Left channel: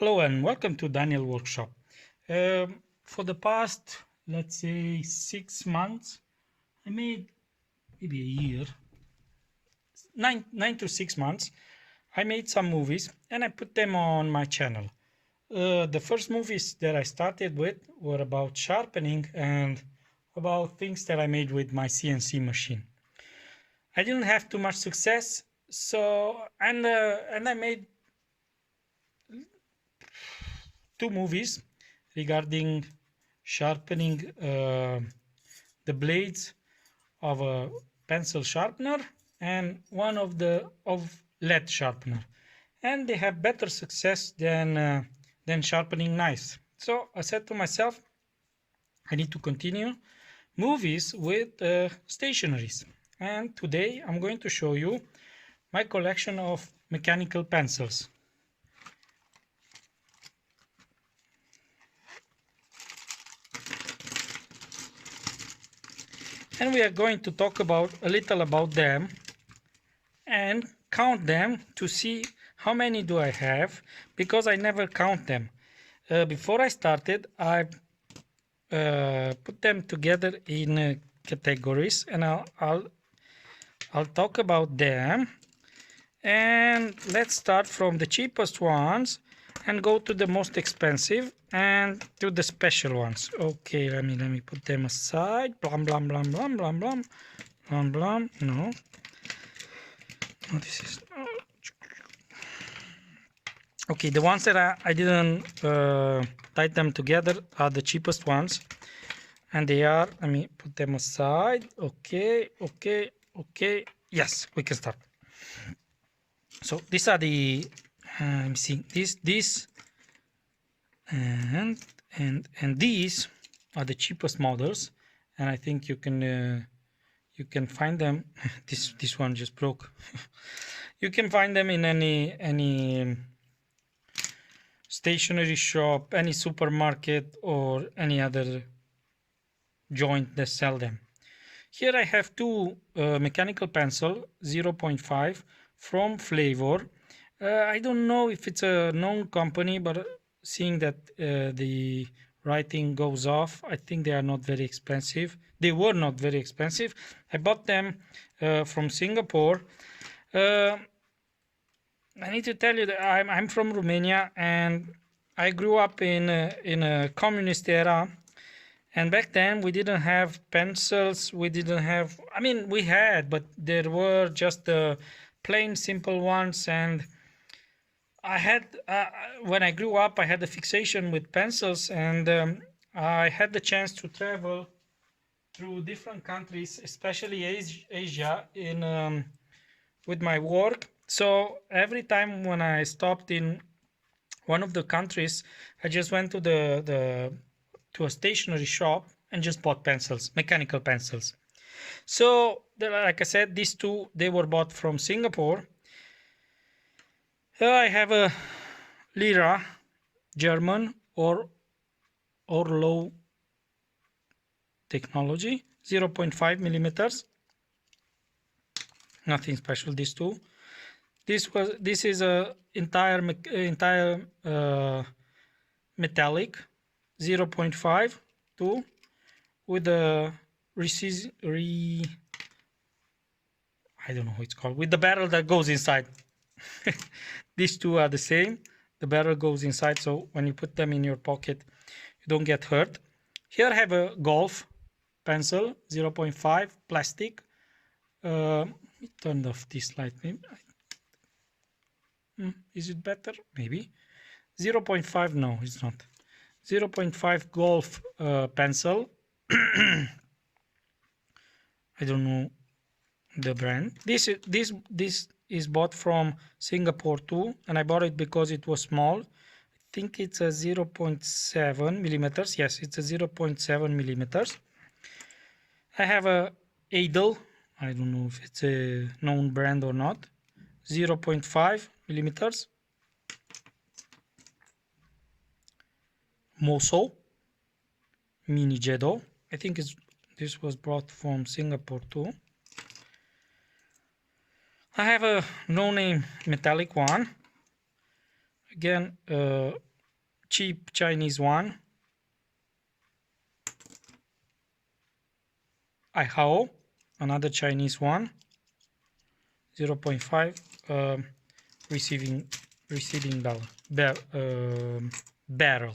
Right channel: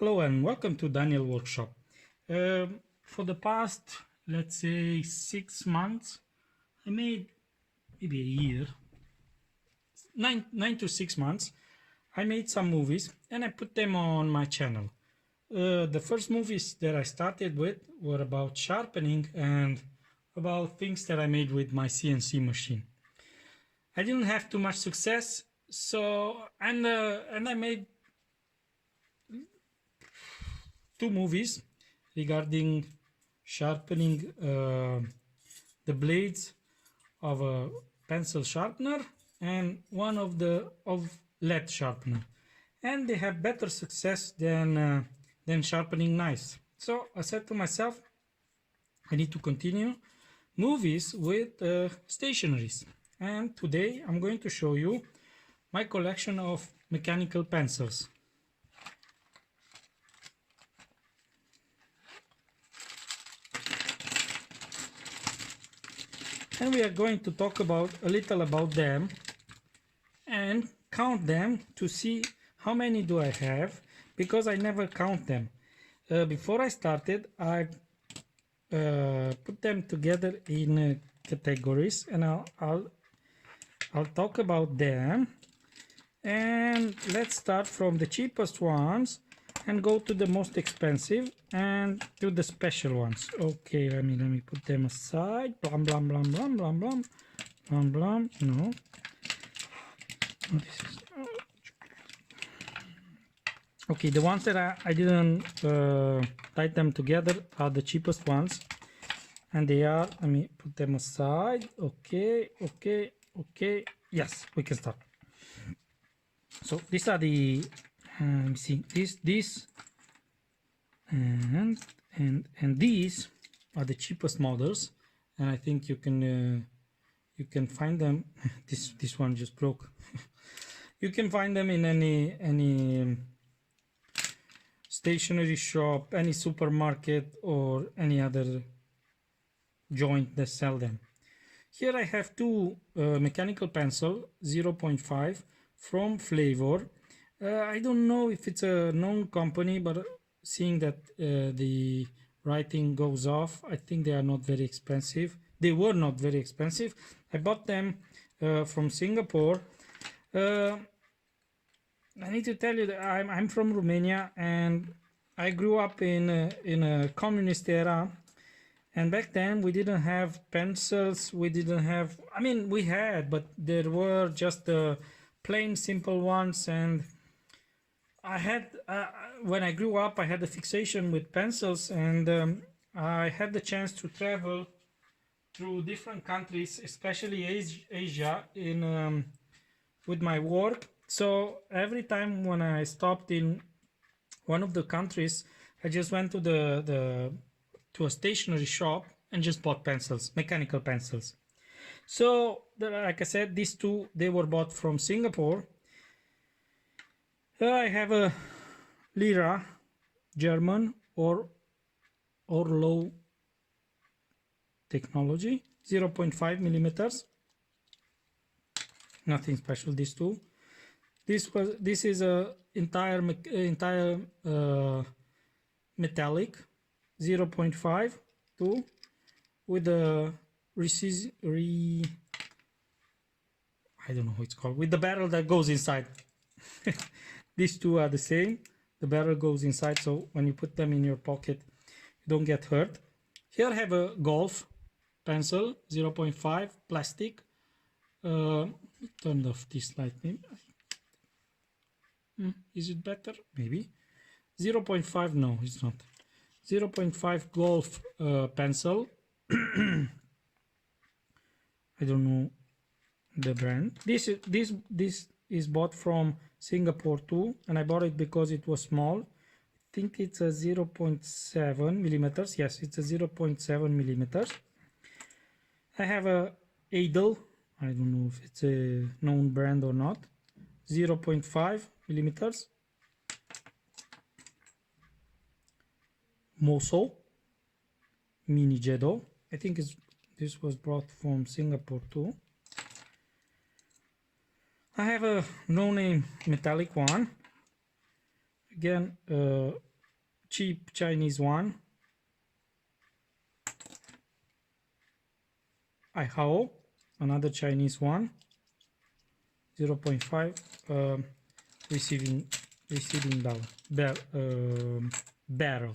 Hello and welcome to Daniel Workshop. For the past, let's say, 6 months, I made maybe a year, 9 to 6 months. I made some movies and I put them on my channel. The first movies that I started with were about sharpening and about things that I made with my CNC machine. I didn't have too much success, so and I made two movies regarding sharpening the blades of a pencil sharpener and one of lead sharpener, and they have better success than sharpening knives. So I said to myself, I need to continue movies with stationaries, and today I'm going to show you my collection of mechanical pencils. And we are going to talk about a little about them and count them to see how many do I have, because I never count them. Before I started, I put them together in categories, and I'll talk about them. And let's start from the cheapest ones and go to the most expensive and to the special ones. Okay, let me put them aside. Blum blum blum blum blum blum blum blum. No, this is okay. The ones that I didn't tie them together are the cheapest ones, and they are. Let me put them aside. Okay, okay, okay. Yes, we can start. So these are the let me see, this and these are the cheapest models, and I think you can find them. this one just broke. You can find them in any stationery shop, any supermarket, or any other joint that sell them. Here I have two mechanical pencil 0.5 from Flavor. I don't know if it's a known company, but seeing that the writing goes off, I think they are not very expensive. They were not very expensive. I bought them from Singapore. I need to tell you that I'm from Romania, and I grew up in a communist era. And back then we didn't have pencils. We didn't have. I mean, we had, but there were just the plain simple ones. And I had when I grew up, I had a fixation with pencils, and I had the chance to travel through different countries, especially Asia, in with my work. So every time when I stopped in one of the countries, I just went to to a stationery shop and just bought pencils, mechanical pencils. So like I said, these two, they were bought from Singapore. I have a Lira German or low technology 0.5 millimeters. Nothing special. These two. This is a entire metallic 0.5 tool with a I don't know how it's called, with the barrel that goes inside. These two are the same. The barrel goes inside, so when you put them in your pocket, you don't get hurt. Here I have a golf pencil 0.5 plastic. Turn off this light. Is it better? Maybe. 0.5. No, it's not. 0.5 golf pencil. I don't know the brand. This is bought from Singapore too, and I bought it because it was small. I think it's a 0.7 millimeters. Yes, it's a 0.7 millimeters. I have a Adel. I don't know if it's a known brand or not. 0.5 millimeters. Moso Mini Jedo. I think this was brought from Singapore too. I have a no-name metallic one. Again, cheap Chinese one, Aihao, another Chinese one, 0.5 receiving barrel.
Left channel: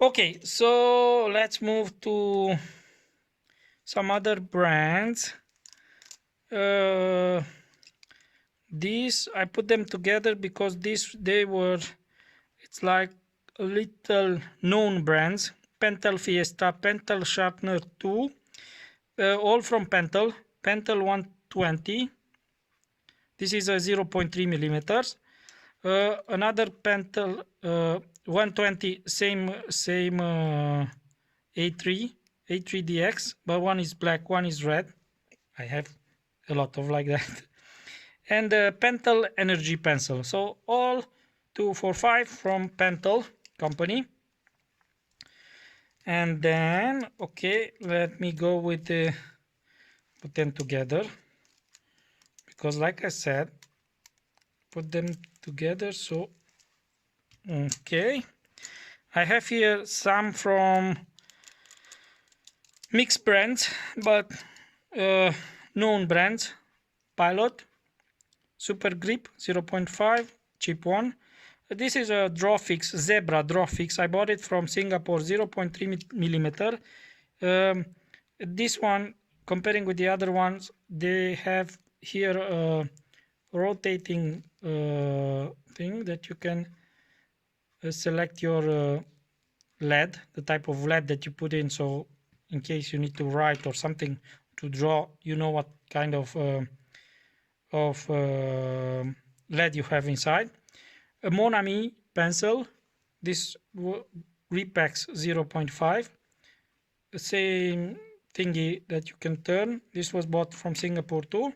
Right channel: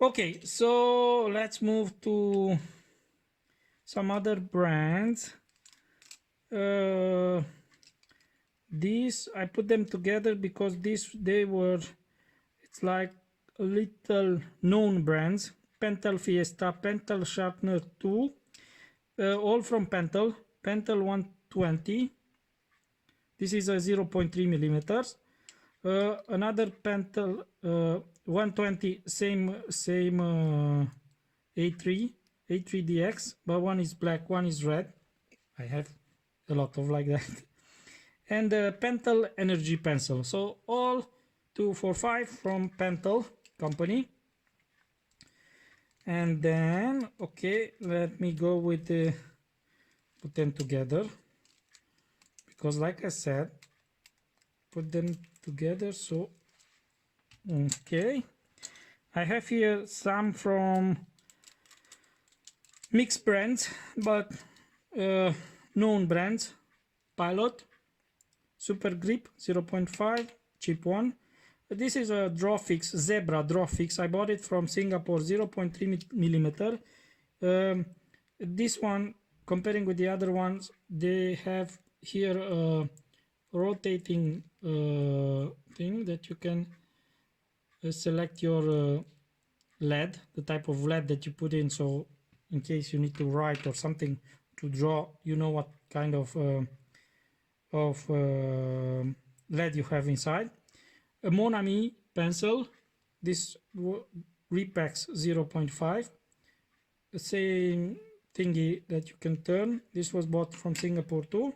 Okay, so let's move to some other brands. These I put them together because it's like a little known brands. Pentel Fiesta, Pentel Sharpener 2, all from Pentel. Pentel 120. This is a 0.3 millimeters. Another Pentel 120, same A3DX, but one is black, one is red. I have a lot of like that. And Pentel Energy Pencil. So all 245 from Pentel company. And then, okay, let me go with the put them together, because like I said, put them together. So okay, I have here some from mixed brands, but known brands. Pilot, Super Grip 0.5, cheap one. This is a Drawfix, Zebra Drawfix. I bought it from Singapore, 0.3 millimeter. This one, comparing with the other ones, they have here a rotating thing that you can select your lead, the type of lead that you put in. So in case you need to write or something to draw, you know what kind of lead you have inside. A Monami pencil, this Repax 0.5, the same thingy that you can turn. This was bought from Singapore too.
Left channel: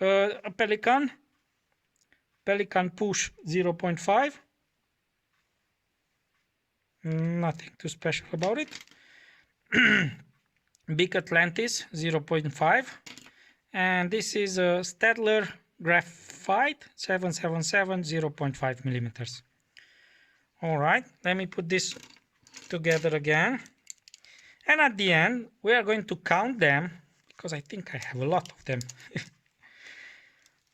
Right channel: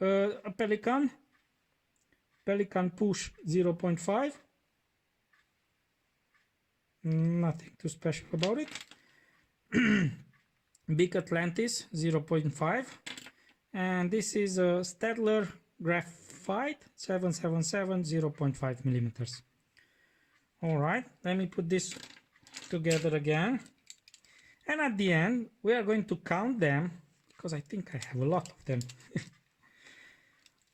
A Pelican Push 0.5, nothing too special about it. Big Atlantis 0.5, and this is a Staedtler Graphite 777 0.5 millimeters. All right, let me put this together again, and at the end we are going to count them because I think I have a lot of them.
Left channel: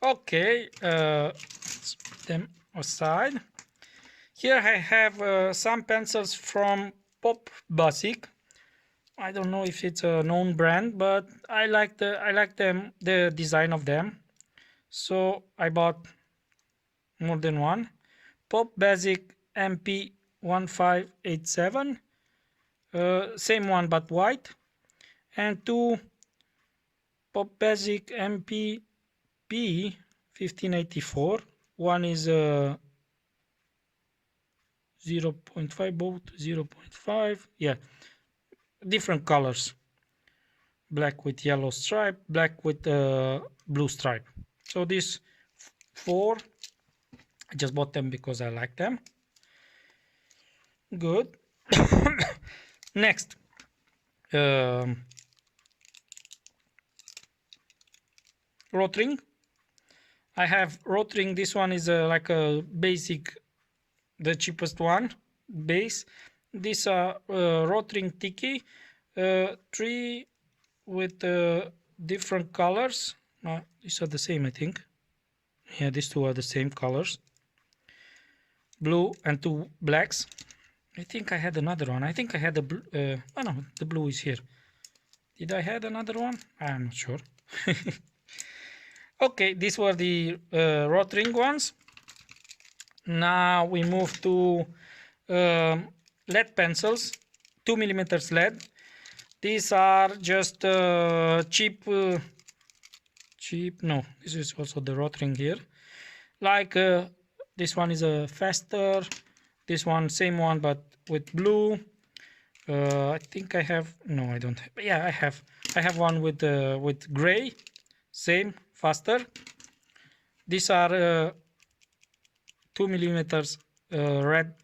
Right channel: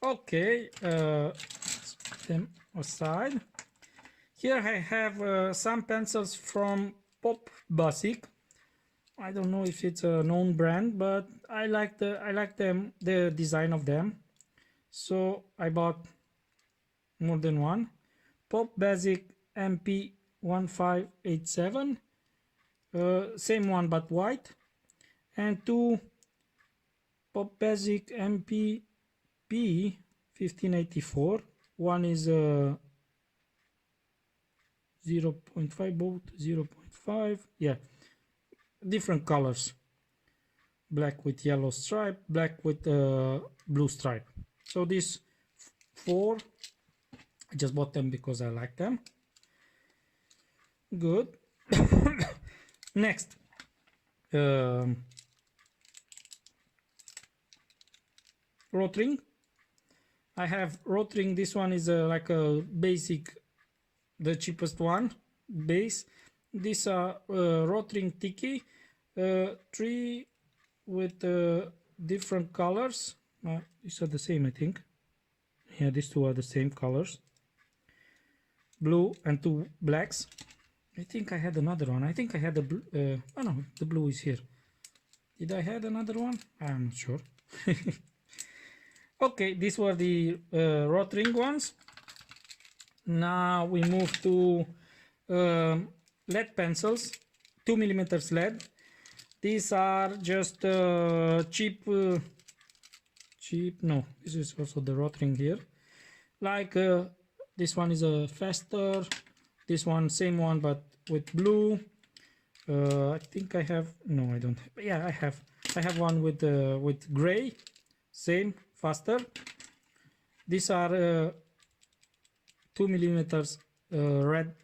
Okay, let's put them aside. Here I have some pencils from PopBasic. I don't know if it's a known brand, but I like the design of them. So I bought more than one. PopBasic MP 1587, same one but white, and two PopBasic MP P 1584. One is 0.5, both 0.5. Yeah, different colors. Black with yellow stripe, black with blue stripe. So these four, I just bought them because I like them. Good. Next, Rotring. I have Rotring. This one is like a basic, the cheapest one, base. These are Rotring Tiki, 3 with different colors. These are the same, I think. Yeah, these two are the same colors. Blue and 2 blacks. I think I had another one. I think I had the blue. Oh no, the blue is here. Did I have another one? I'm not sure. Okay, these were the Rotring ones. Now we move to lead pencils, 2 millimeters lead. These are just cheap. No, this is also the Rotring here. Like this one is a faster. This one, same one, but with blue. I think I have. No, I don't have. Yeah, I have. I have one with gray. Same, faster. These are 2 millimeters red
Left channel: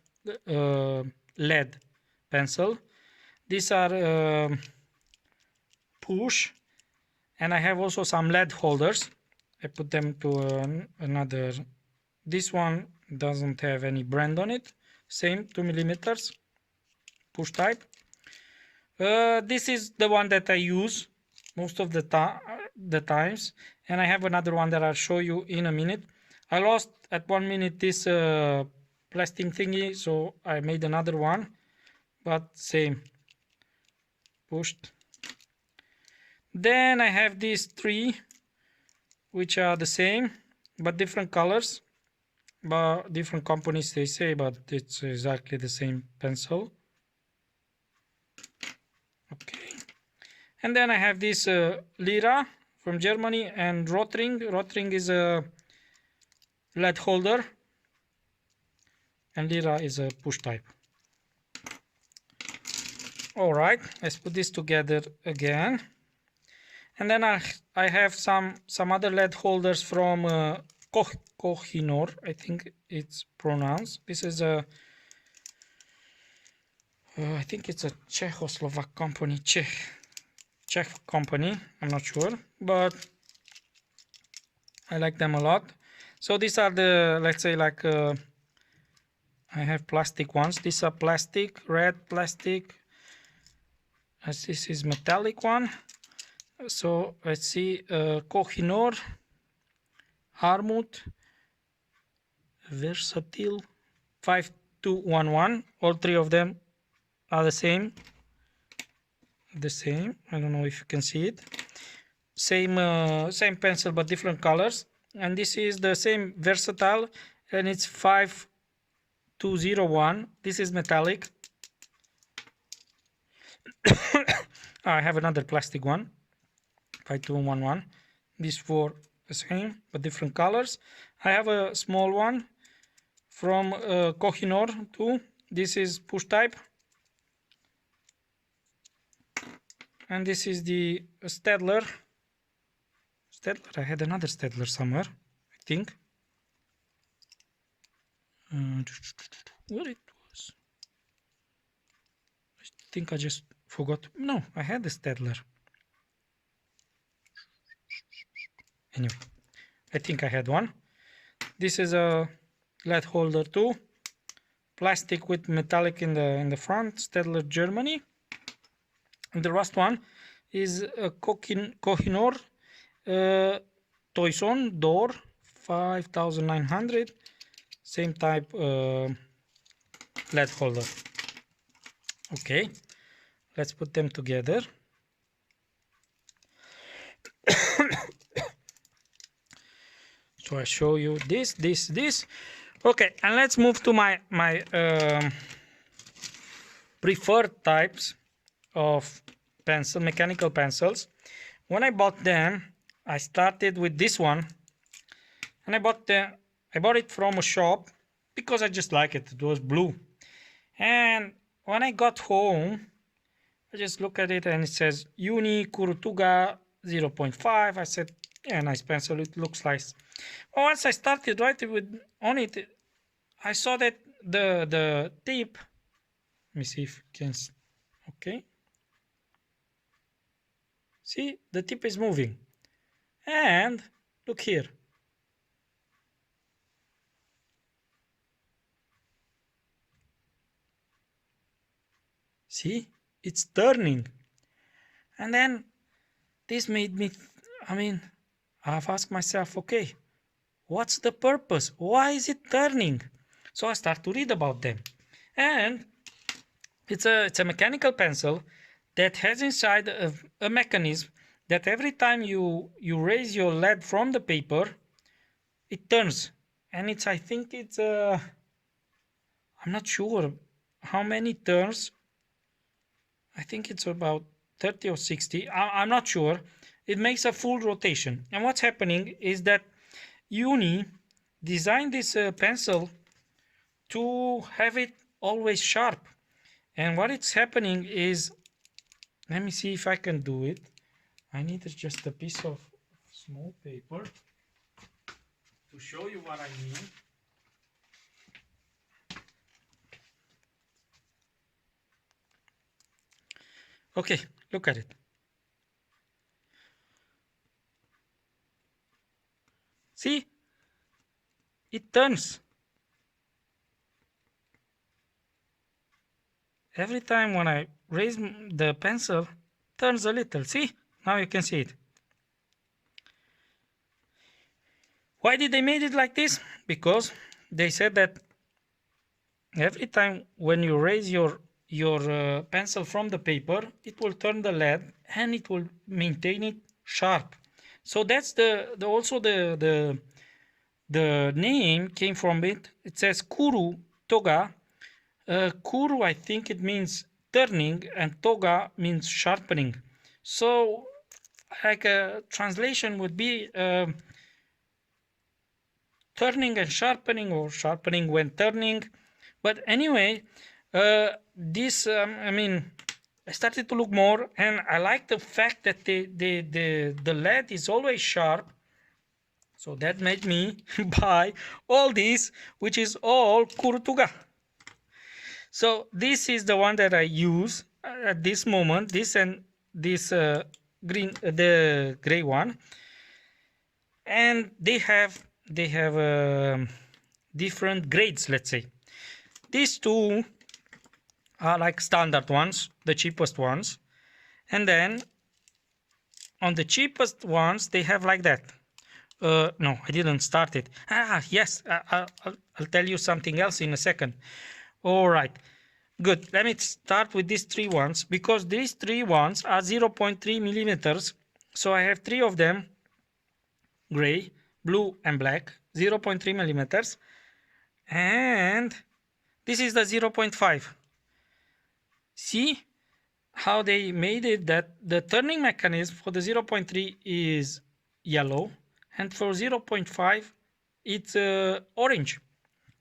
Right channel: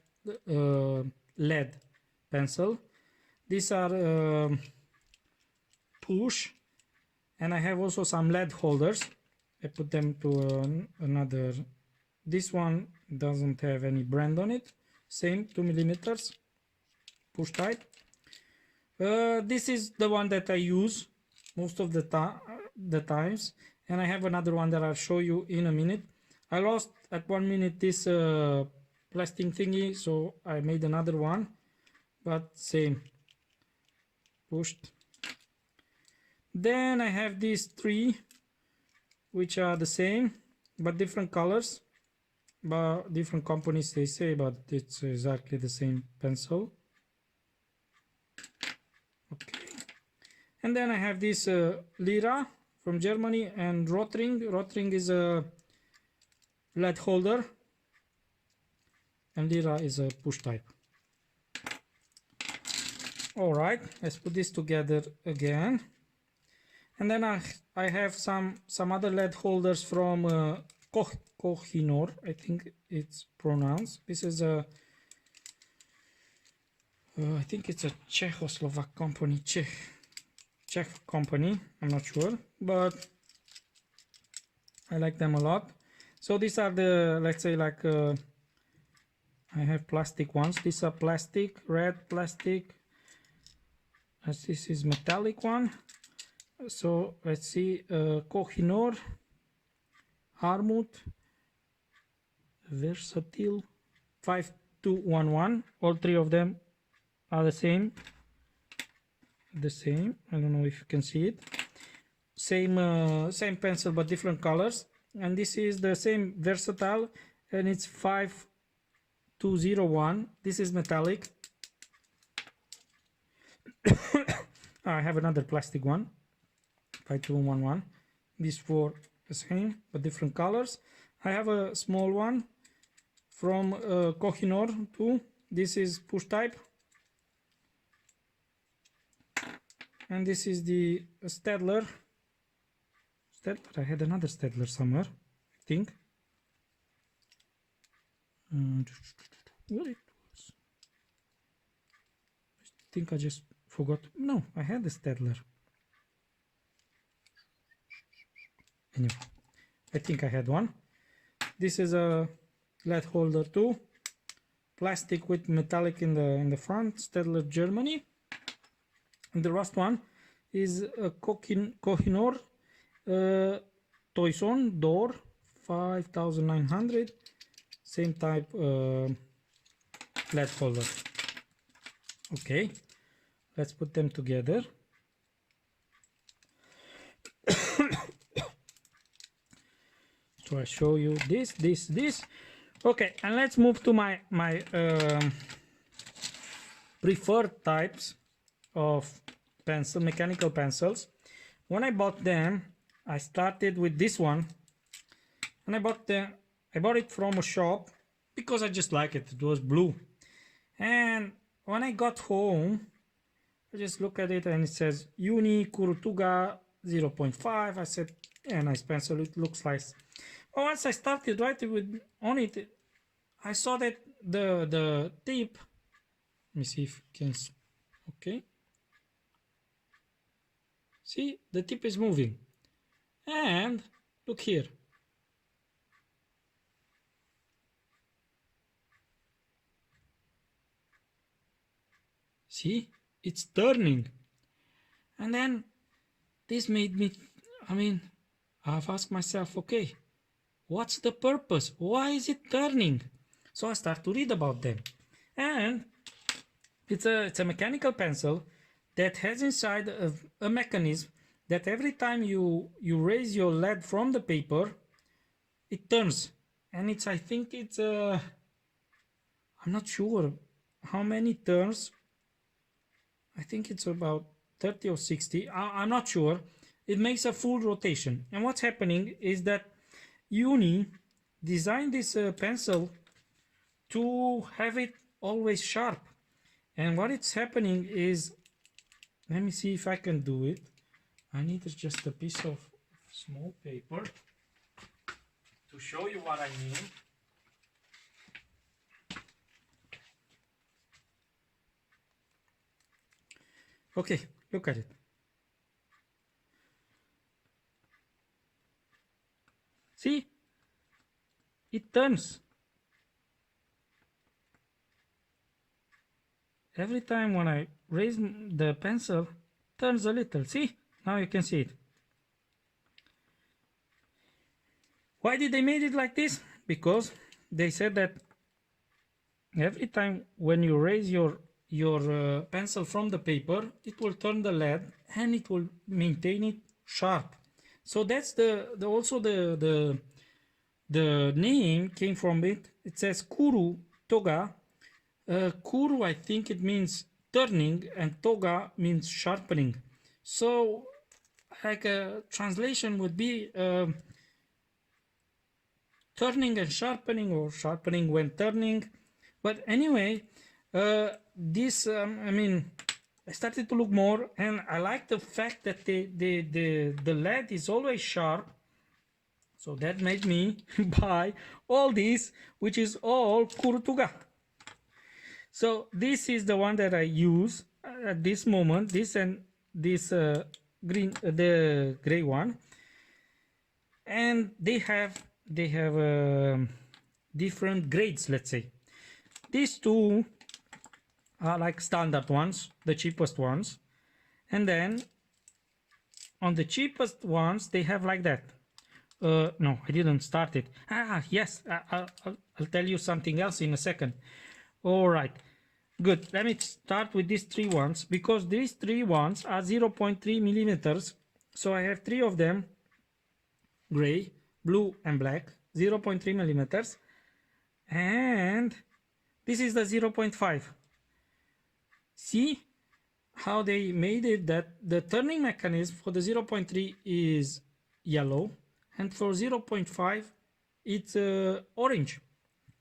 lead pencil. These are push, and I have also some lead holders. I put them to another. This one doesn't have any brand on it. same 2 millimeters, push type. This is the one that I use most of the times, and I have another one that I'll show you in a minute. I lost at 1 minute this plastic thingy, so I made another one, but same, pushed. Then I have these three, which are the same but different colors, but different companies they say, but it's exactly the same pencil. Okay, and then I have this Lira from Germany and Rotring. Rotring is a lead holder and Lira is a push type. All right, let's put this together again. And then I have some other lead holders from Kohinoor, I think it's pronounced. This is a I think it's a Czechoslovak company, Czech company, I'm not sure, but I like them a lot. So these are the, let's say, like I have plastic ones. These are plastic, red plastic, as this is metallic one. So let's see, Kohinoor, Armut, Versatile, 5211. All three of them are the same. I don't know if you can see it. Same pencil but different colors. And this is the same Versatile, and it's 5201. This is metallic. I have another plastic one, 5211. These four the same but different colors. I have a small one from Kohinoor too. This is push type, and this is the Stedler. I had another Stedler somewhere, I think. Where it was? I think I just forgot. No, I had the Stedler. Anyway, I think I had one. This is a lead holder too, plastic with metallic in the front, Stedler Germany. And the last one is a Kohinoor Toison door 5900, same type lead holder. Okay, let's put them together. So I show you this. Okay, and let's move to my preferred types of mechanical pencils. When I bought them, I started with this one, and I bought it from a shop because I just like it. It was blue, and when I got home, I just look at it and it says Uni Kurutuga 0.5. I said, yeah, nice pencil. It looks nice. Well, once I started writing on it, I saw that the tip. Let me see if you can. Okay. See, the tip is moving. And look here. See, it's turning. And then this made me, I've asked myself, okay, what's the purpose? Why is it turning? So I start to read about them. And it's a mechanical pencil that has inside a mechanism that every time you raise your lead from the paper, it turns. And I think it's I'm not sure how many turns. I think it's about 30 or 60. I'm not sure. It makes a full rotation. And what's happening is that Uni designed this pencil to have it always sharp. And what it's happening is, let me see if I can do it. I need just a piece of small paper to show you what I mean. Okay, look at it. See? It turns. every time when I raise the pencil, turns a little. See? Now you can see it. Why did they made it like this? Because they said that every time when you raise your pencil from the paper, it will turn the lead and it will maintain it sharp. So that's also the name came from it. It says kuru toga. Kuru, I think it means turning, and toga means sharpening. So like a translation would be turning and sharpening, or sharpening when turning. But anyway, this I mean, I started to look more, and I like the fact that the lead is always sharp. So that made me buy all this, which is all Kurutuga. So this is the one that I use at this moment. This and this green, the gray one, and they have different grades. Let's say these two are like standard ones, the cheapest ones, and then on the cheapest ones they have like that. No, I didn't start it. Yes, I'll tell you something else in a second. All right, good. Let me start with these three ones, because these three ones are 0.3 millimeters. So I have three of them, gray, blue, and black, 0.3 millimeters. And this is the 0.5. See how they made it that the turning mechanism for the 0.3 is yellow, and for 0.5 it's orange.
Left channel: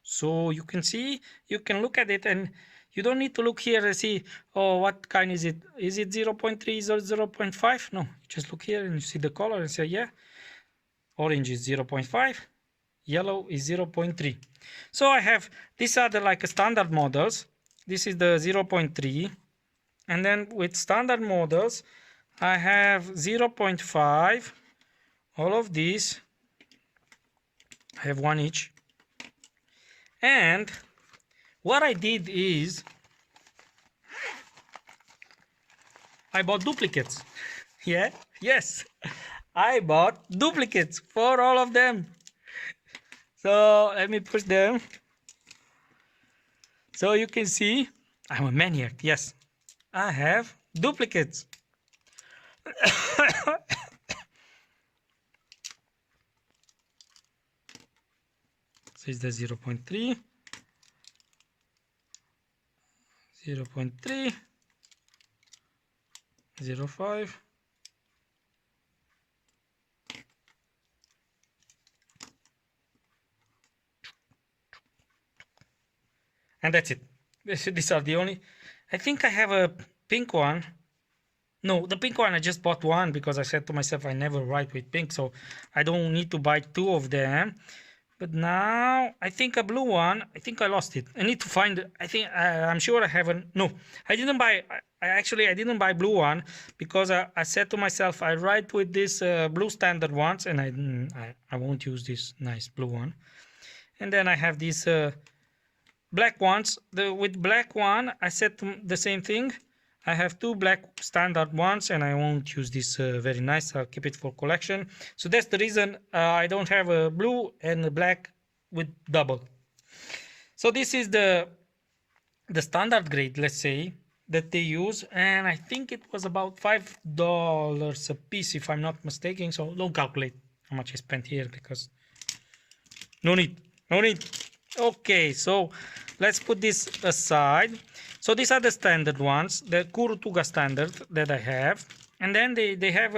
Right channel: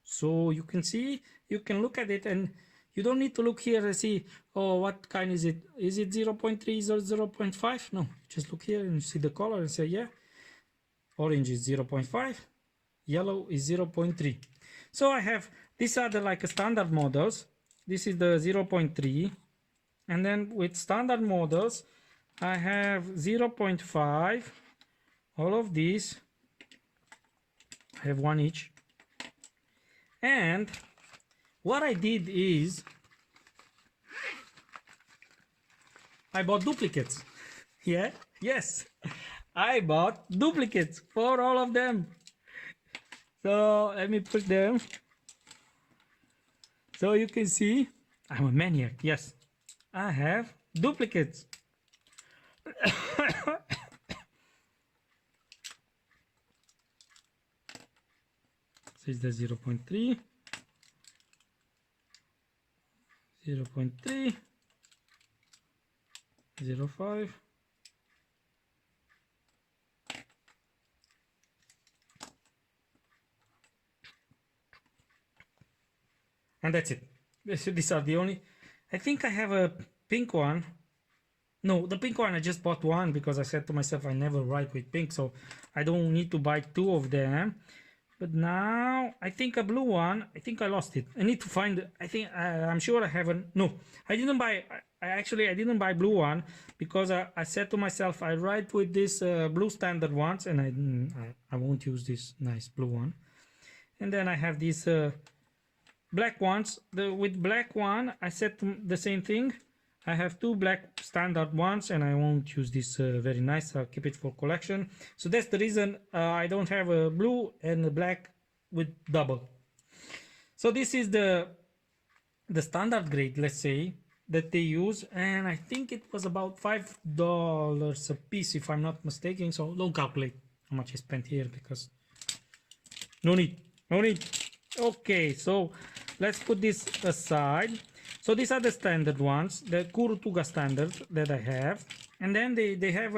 So you can see, you can look at it, and you don't need to look here and see, oh, what kind is it? Is it 0.3 or 0.5? No, just look here and you see the color and say, yeah, orange is 0.5, yellow is 0.3. So I have, these are the like standard models. This is the 0.3, and then with standard models I have 0.5. all of these, I have one each. And what I did is I bought duplicates. Yeah, yes, I bought duplicates for all of them. So let me push them so you can see. I'm a maniac. Yes, I have duplicates. So it's the 0.3, 0.3, 0.5, and that's it. These are the only. I think I have a pink one. No, the pink one I just bought one because I said to myself I never write with pink, so I don't need to buy two of them. But now I think a blue one, I think I lost it. I need to find it. I think I'm sure I haven't. No, I didn't buy. I didn't buy blue one because I said to myself I write with this blue standard ones, and I won't use this nice blue one. And then I have these black ones. With black one I said the same thing. I have two black standard ones, and I won't use this very nice. I'll keep it for collection. So that's the reason I don't have a blue and a black with double. So this is the standard grade, let's say, that they use, and I think it was about $5 a piece if I'm not mistaken. So don't calculate how much I spent here, because no need. Okay, so let's put this aside. So these are the standard ones, the Kurutuga standard that I have. And then they have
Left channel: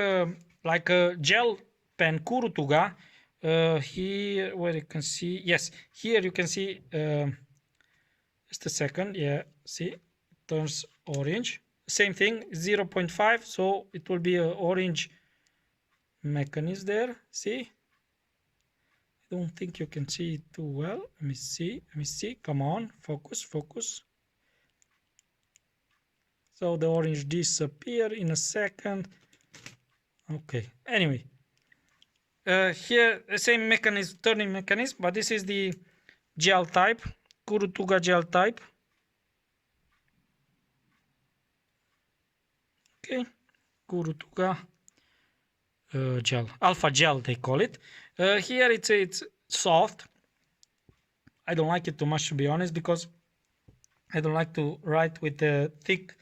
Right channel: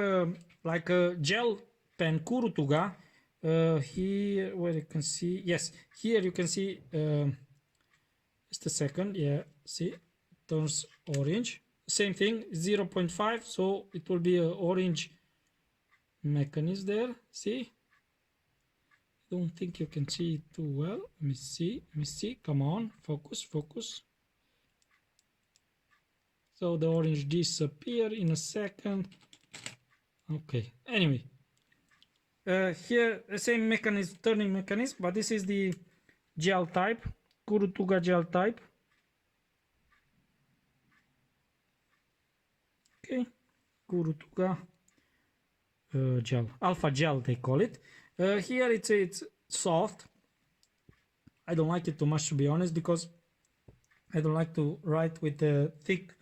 like a gel pen Kurutuga. Here, where you can see, yes, here you can see, just a second, yeah, see, it turns orange. Same thing, 0.5, so it will be an orange mechanism there, see? I don't think you can see it too well. Let me see, come on, focus. So the orange disappear in a second. Okay, anyway, here the same mechanism, turning mechanism, but this is the gel type, Kurutuga gel type. Okay, Kurutuga gel, alpha gel they call it. Here it's soft. I don't like it too much, to be honest, because I don't like to write with the thick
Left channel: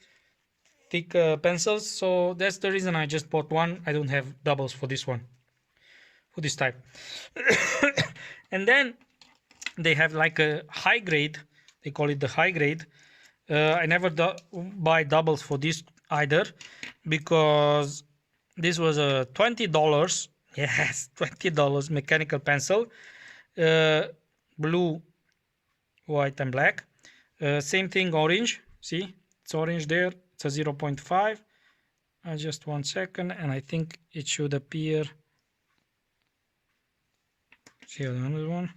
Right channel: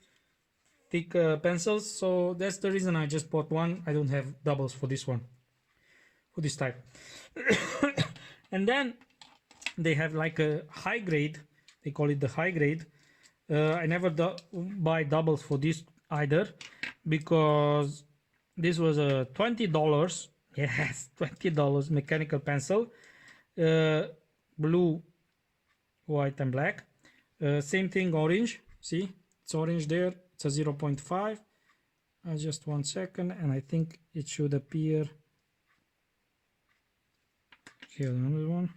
pencils. So that's the reason I just bought one. I don't have doubles for this one, for this type. And then they have like a high grade. They call it the high grade. I never buy doubles for this either, because this was a $20. Yes, $20 mechanical pencil, blue, white and black. Same thing, orange. See, it's orange there. It's a 0.5. Just 1 second, and I think it should appear. See another one.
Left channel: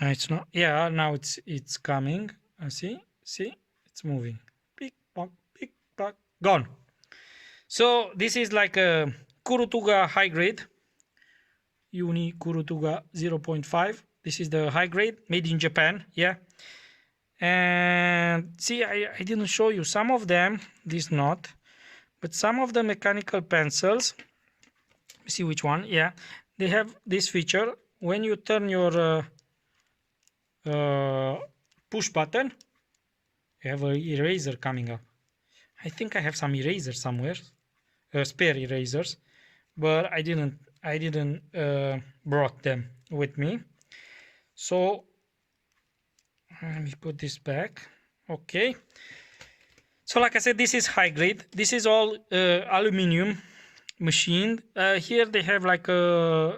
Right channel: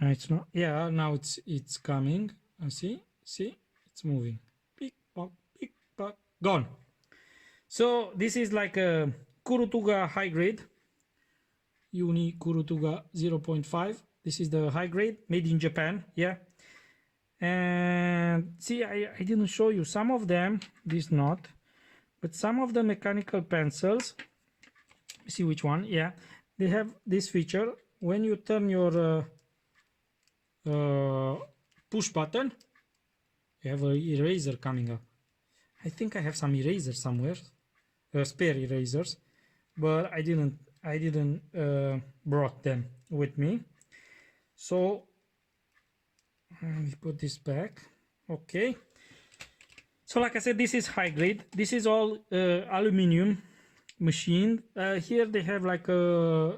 It's not. Yeah, now it's coming. See, it's moving. Pick pock, gone. So this is like a Kurutuga high grade. Uni Kurutuga 0.5. This is the high grade, made in Japan. Yeah. And see, I didn't show you some of them. This not, but some of the mechanical pencils. See which one? Yeah, they have this feature. When you turn your push button, you have an eraser coming up. I think I have some erasers somewhere, spare erasers, but I didn't brought them with me. So let me put this back. Okay. So like I said, this is high grade. This is all aluminum machined. Here they have like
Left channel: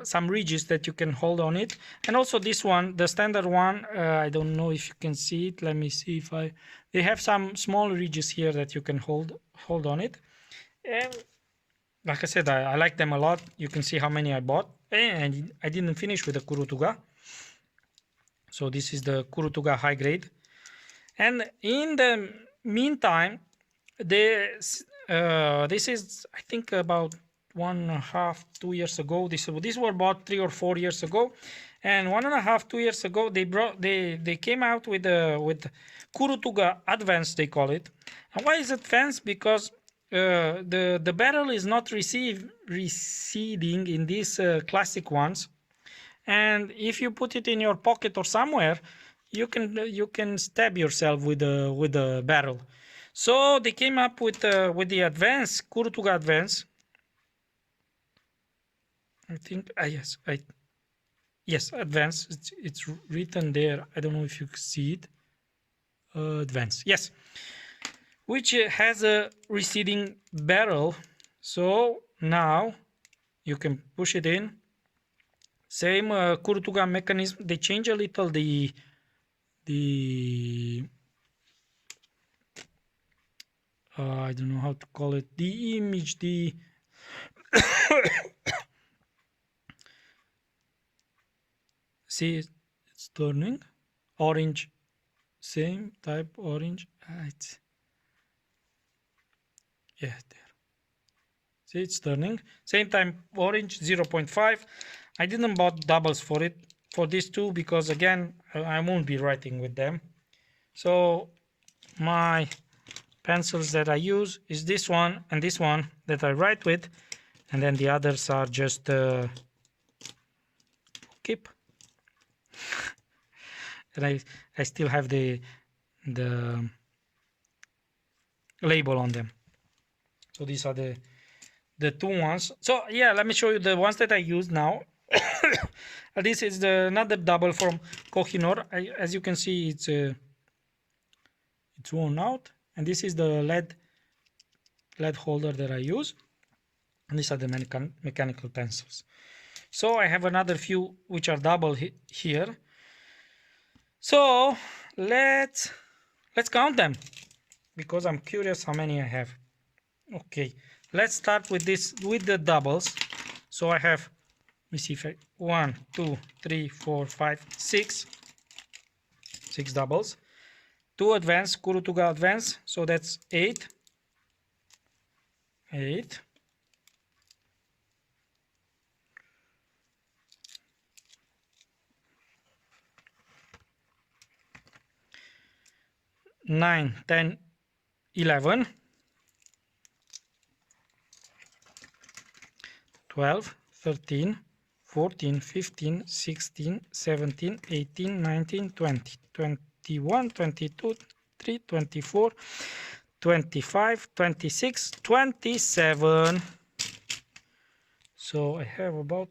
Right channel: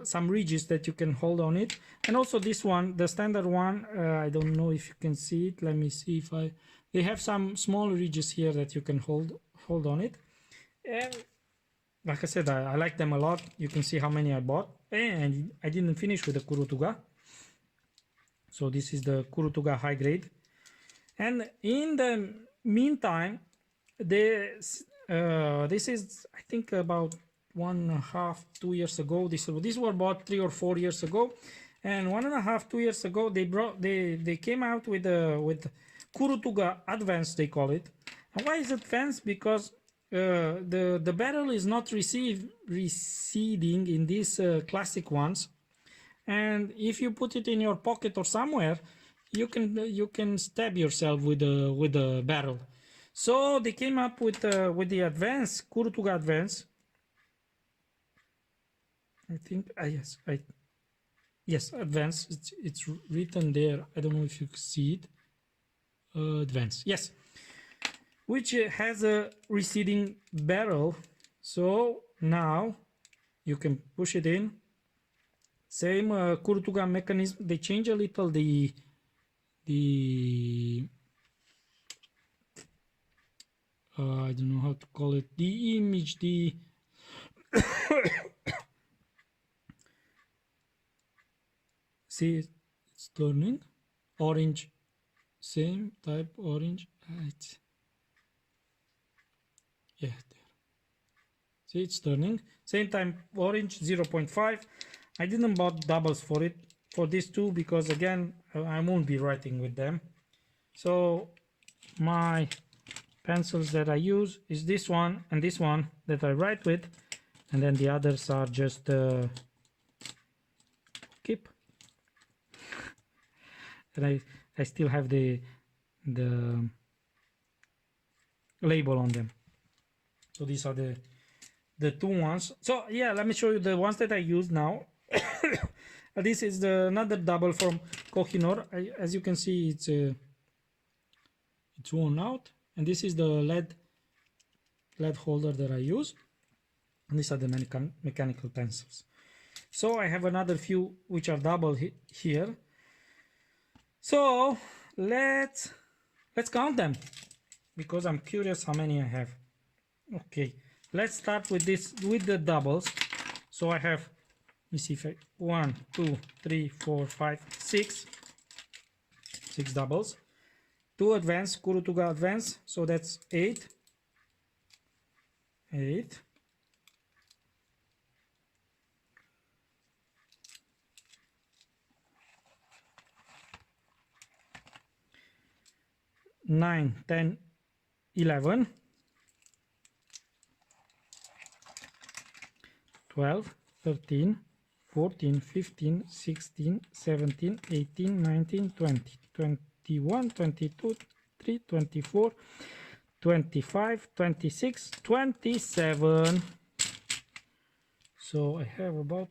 some ridges that you can hold on it, and also this one, the standard one, I don't know if you can see it. Let me see if they have some small ridges here that you can hold on it. And like I said, I like them a lot. You can see how many I bought, and I didn't finish with the Kurutuga. So this is the Kurutuga high grade, and in the meantime, this is, I think, about 1.5-2 years ago. These were bought 3 or 4 years ago, and 1.5-2 years ago they came out with Kurutuga Advanced, they call it. And why is it advanced? Because the barrel is not receding in these classic ones, and if you put it in your pocket or somewhere, you can stab yourself with the barrel. So they came up with the advanced Kurutuga Advanced. I think yes, advanced. It's written there. I don't know if you can see it. Advanced, yes, which has a receding barrel. So now you can push it in. Same Kurutuga mechanism. They change a little the I don't know how to call it, the image, see, it's turning orange, same type orange. Yeah, there. See, it's turning same time orange 0.5. I didn't bought doubles for it, for these two, because again I won't be writing with them. So my pencils that I use is this one and this one that I write with, and then the others are just keep. And I still have the label on them. So these are the two ones. So yeah, let me show you the ones that I use now. This is another double from Kohinoor. As you can see, it's worn out, and this is the lead holder that I use, and these are the mechanical pencils. So I have another few which are double here. So let's count them, because I'm curious how many I have. Okay, let's start with the doubles. So I have, let me see if 1, 2, 3, 4, 5, 6 doubles. 2 advanced, Kurutuga Advanced, so that's 8. 9, 10, 11, 12, 13, 14, 15, 16, 17, 18, 19, 20, 21, 22, 23, 24, 25, 26, 27. So I have about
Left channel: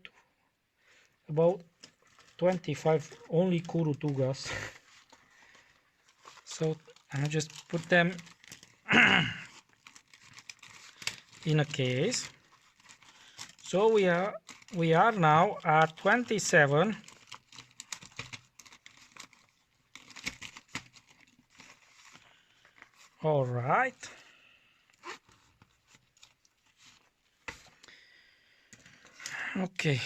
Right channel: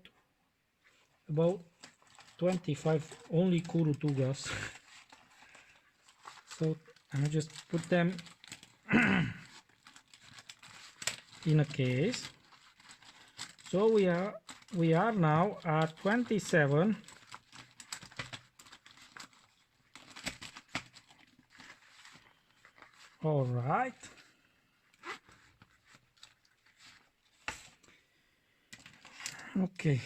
25 only Kurutugas. So I'll just put them in a case. So we are now at 27. All right. Okay.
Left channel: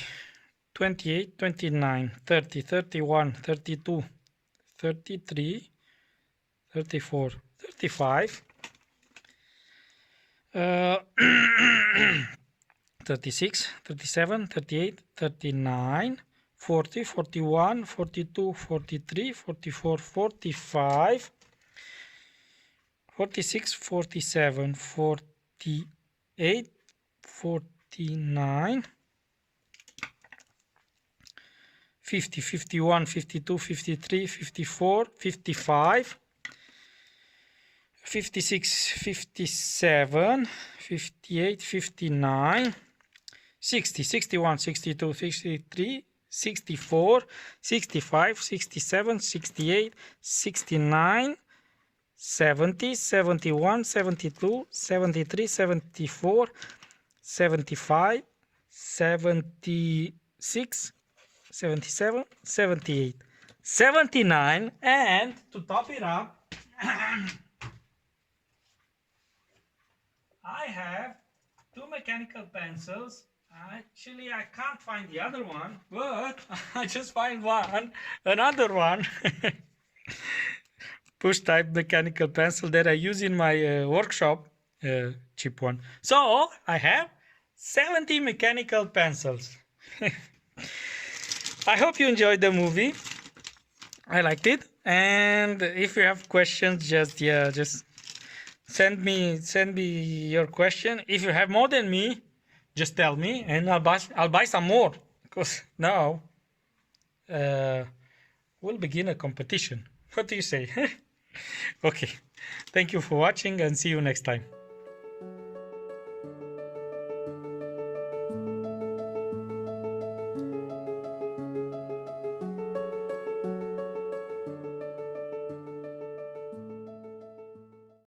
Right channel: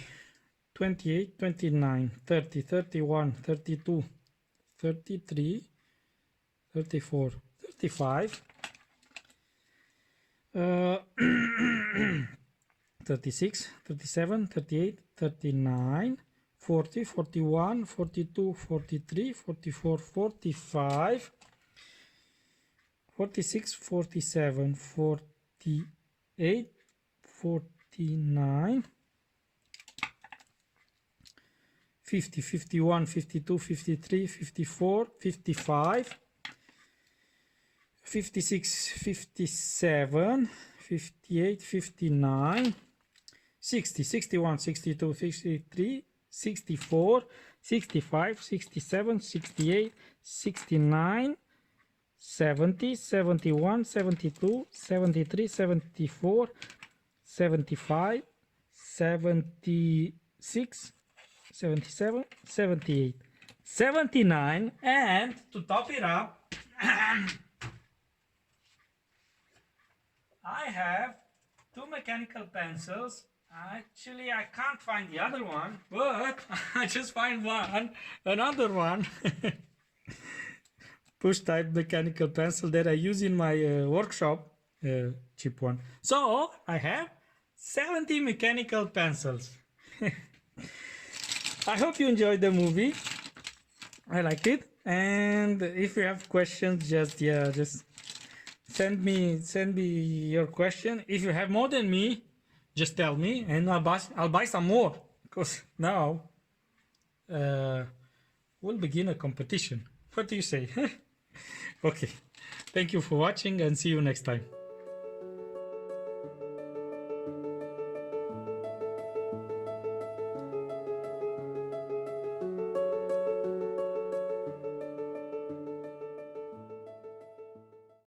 28, 29, 30, 31, 32, 33, 34, 35, 36, 37, 38, 39, 40, 41, 42, 43, 44, 45, 46, 47, 48, 49, 50, 51, 52, 53, 54, 55, 56, 57, 58, 59, 60, 61, 62, 63, 64, 65, 67, 68, 69, 70, 71, 72, 73, 74, 75, 76, 77, 78, 79, and to top it up, I have two mechanical pencils. Actually, I can't find the other one, but I just find another one. Push type mechanical pencil that I use in my workshop, cheap one. So I have 70 mechanical pencils. I hope you enjoyed the movie. I liked it, and if you have questions, just send me your question. If you have more than me, just tell me, and I'll buy some more, because now we'll begin a competition. What do you say? Okay, thank you for watching, and see you next time.